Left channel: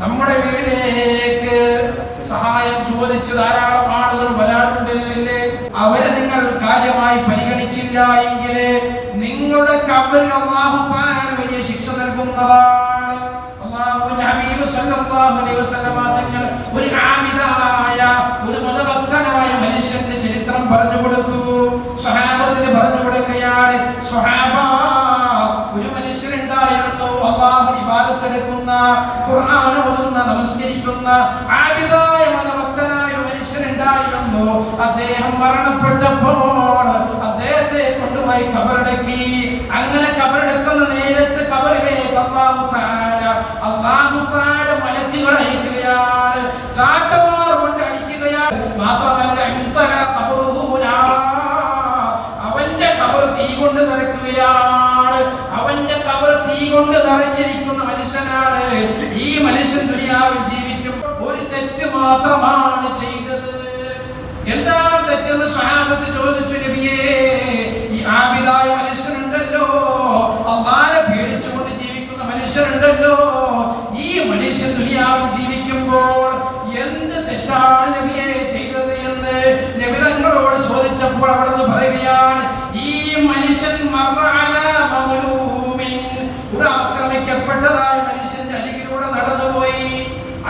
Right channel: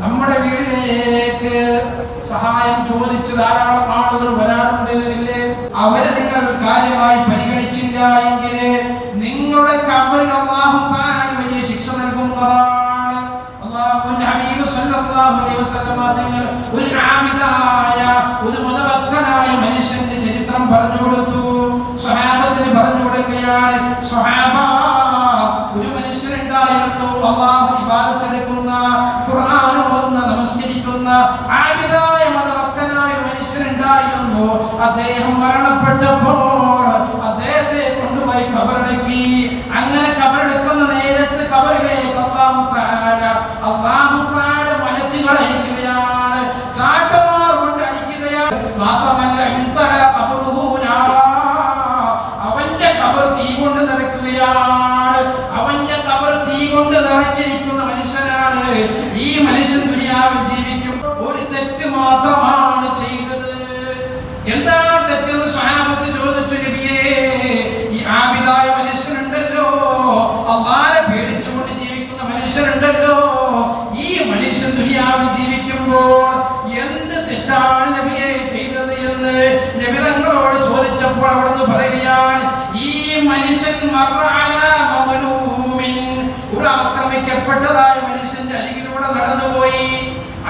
നമ്മുടെ വീട്ടിലേക്ക് സഹായം ചോദിച്ച് ധാരാളം ആളുകൾ വരാറുണ്ടല്ലേ? അവരെ നിങ്ങൾ കാര്യമായി പരിഗണിച്ചില്ല എങ്കിൽ നിങ്ങളുടെ ഖബറിൽ അല്ലാഹു തആല വലിയ ശിക്ഷ നൽകുന്നതാണ്. അല്ലാഹുവിന്റെ ഹബീബ് സല്ലല്ലാഹു അലൈഹി വസല്ലം തങ്ങൾ ഒരു ആബിദായ ഒരു മതഭക്തനായ മനുഷ്യന്റെ ചരിത്രം പറഞ്ഞു കൊടുത്തു. സ്വഹാബത്തിന് പറഞ്ഞു കൊടുക്കുകയാണ്, സ്വഹാബ, ഒരു മനുഷ്യനുണ്ടായിരുന്നു, അല്ലാഹു ഇബാദത്ത് എടുക്കുന്ന, ഖുർആൻ ഓതുന്ന, നമസ്കരിക്കുന്ന ആബിദായ മതഭക്തനായ മനുഷ്യനുണ്ടായിരുന്നു. അദ്ദേഹം മരണപ്പെട്ടപ്പോൾ അദ്ദേഹത്തെ കൊണ്ടുപോയി കബറടക്കി. അങ്ങനെ കബറടക്കുന്ന നേരത്ത് കബറിലേക്ക് അല്ലാഹു തആല മലക്കുകളെ അയക്കുകയാണ്, ചാട്ടവാർ കൊണ്ട് അടിക്കുകയാണ്. മാത്രമല്ല അവന്റെ കബർ തീ കൊണ്ട് നിറയ്ക്കുകയാണ്. അവന്റെ കബർ തീ കൊണ്ട് നിറച്ചിരിക്കുന്ന മനുഷ്യനാണ്. ഈ മനുഷ്യൻ ദുനിയാവിൽ ജീവിക്കും ഒരു തെറ്റ് മാത്രമാണ് ചെയ്തത്. എന്താണ് തെറ്റെന്ന് സ്വഹാബത്ത് ചോദിച്ചു, നബിയേ, ഈ ആബിദായ മനുഷ്യനുണ്ടല്ലോ, അല്ലാഹനെ പേടിച്ചുകൊണ്ട് ജീവിക്കുന്ന മനുഷ്യനുണ്ടല്ലോ, ഈ മനുഷ്യൻ ദുനിയാവിൽ ജീവിക്കുമ്പോൾ എന്ത് തെറ്റാണ് നബിയെ ചെയ്തത് എന്ന് നബി തങ്ങളോട് ചോദിച്ചപ്പോൾ അവിടുന്ന് പറയുകയാണ്, ഈ മനുഷ്യൻ ഒരു ആക്രമിക്കപ്പെട്ടതായ മനുഷ്യന്റെ അരികിലൂടെ നടന്നുപോയി.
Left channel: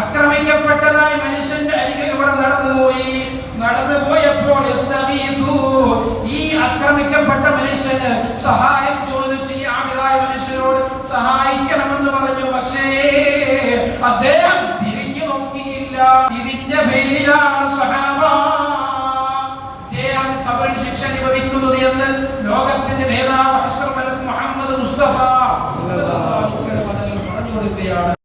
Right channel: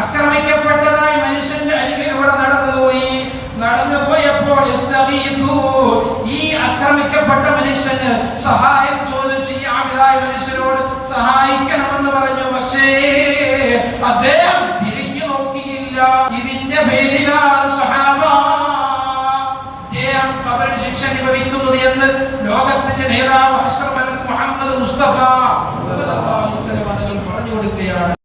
ആക്രമിക്കപ്പെട്ടതായ മനുഷ്യന്റെ അരികിലൂടെ നടന്നുപോയപ്പോൾ ഈ ആക്രമിക്കപ്പെട്ട മനുഷ്യന് സഹായം ചോദിച്ചു. ഈ ആബിദായ മനുഷ്യനോട് സഹായിക്കണമെന്ന് പറഞ്ഞു. പക്ഷേ അദ്ദേഹം തിരിഞ്ഞു നോക്കിയില്ല. ഇതിന്റെ പേരിലാണ് സ്വഹാബ അദ്ദേഹം ഖബറിൽ ശിക്ഷ അനുഭവിക്കുന്നത് എന്ന് ലോകത്തിന്റെ നേതാവ് അഷ്റഫുൽ മുഹമ്മദ് മുസ്തഫ സല്ലല്ലാഹു അലൈഹി വസല്ലം തങ്ങൾ പറഞ്ഞു കൊടുക്കുകയാണ്.